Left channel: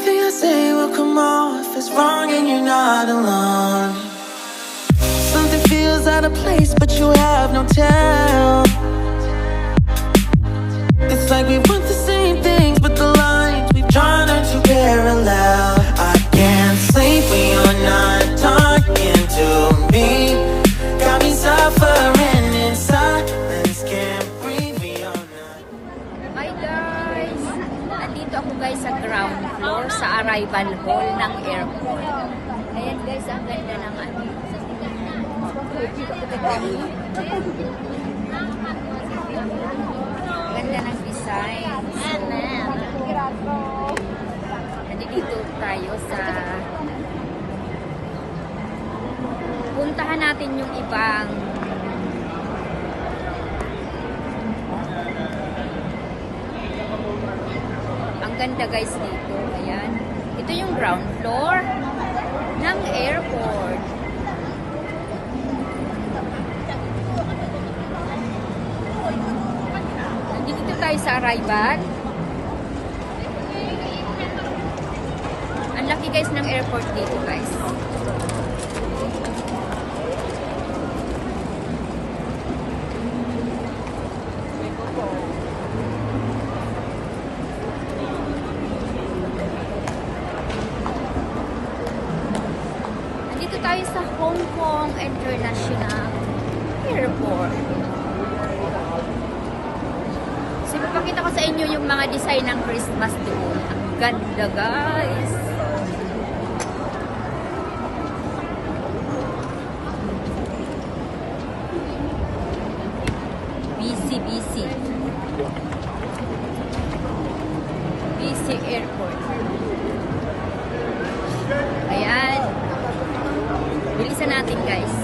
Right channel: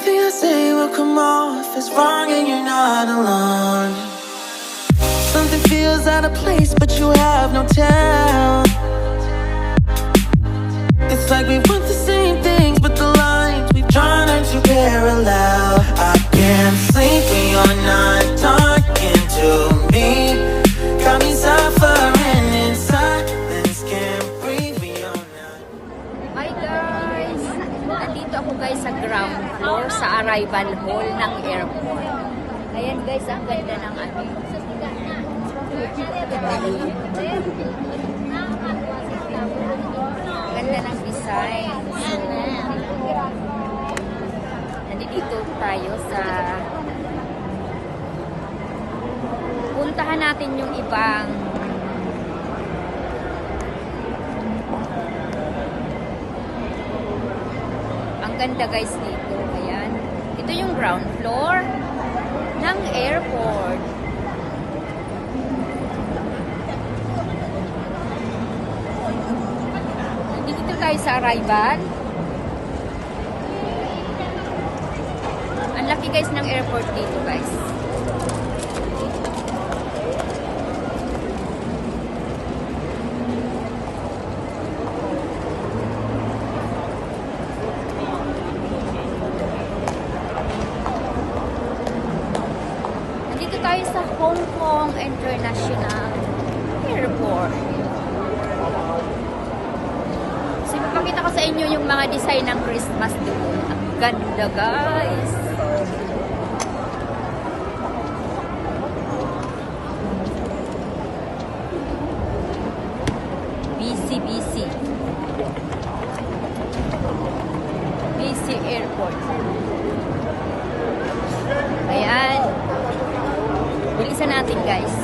Anything I say will come off as wrong and you're not alone. Something feels out of place but you have no tell. It's like we want the same things but the lines we've drawn are too parallel. I can't sleep when you're not talking to me. Got me suffering in silence, can't breathe when you're not. Hi guys! Andito ako guys sa ground floor sa arrival hall ng airport. Ayan guys, ang ganda ng ano. Ganda ng design. So, nandito tayo sa puntahan natin yung ibang ang ganda guys dito. Ayan. Ito yung ground floor ng airport. Dito tayo sa arrival. Ang laki guys ng airport dito guys. Nandito tayo sa Hong Kong International Airport. Ipapakita ko sa inyo yung mga design ng Christmas doon. Ang ganda guys. BC Airport. Ayan. Bilisan natin guys.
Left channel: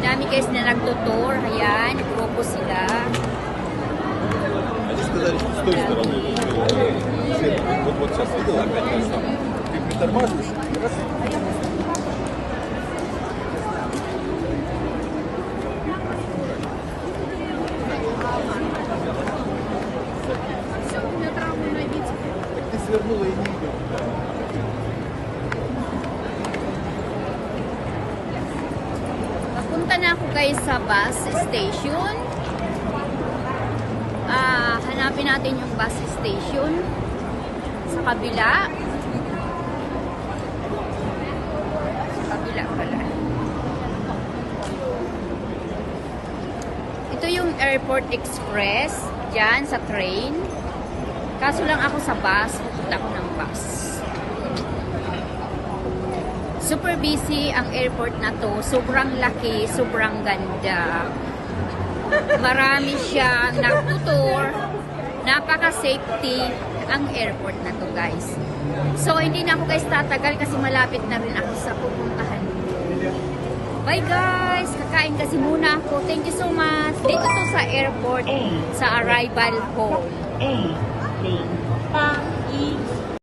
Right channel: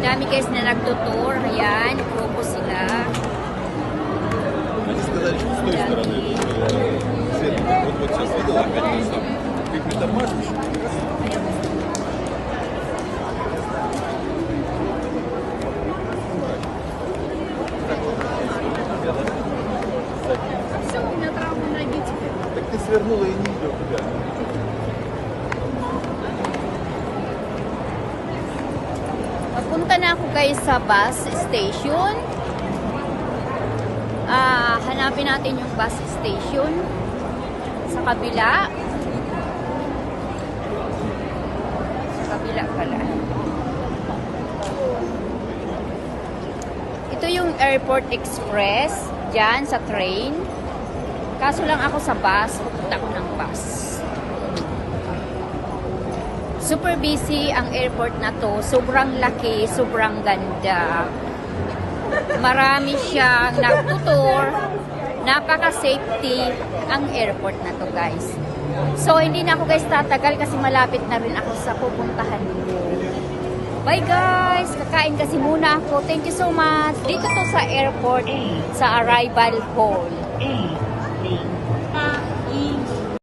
Dami guys na nagtutour. Ayan, grupo sila. Dami. Papunta na ako guys sa bus station. Hanapin natin yung bus station sa kabila. Sa kabila pala. Ito yung Airport Express dyan sa train. Kaso lang ako sa bus. Pupunta ako ng bus. Super busy ang airport na to. Sobrang laki, sobrang ganda. Marami siyang nagtutour. Napaka-safety ang airport na to guys. So, hindi na ako guys tatagal kasi malapit na rin ako sa pupuntahan nyo. Bye guys! Kakain kasi muna ako. Thank you so much. Dito to sa airport, sa arrival hall.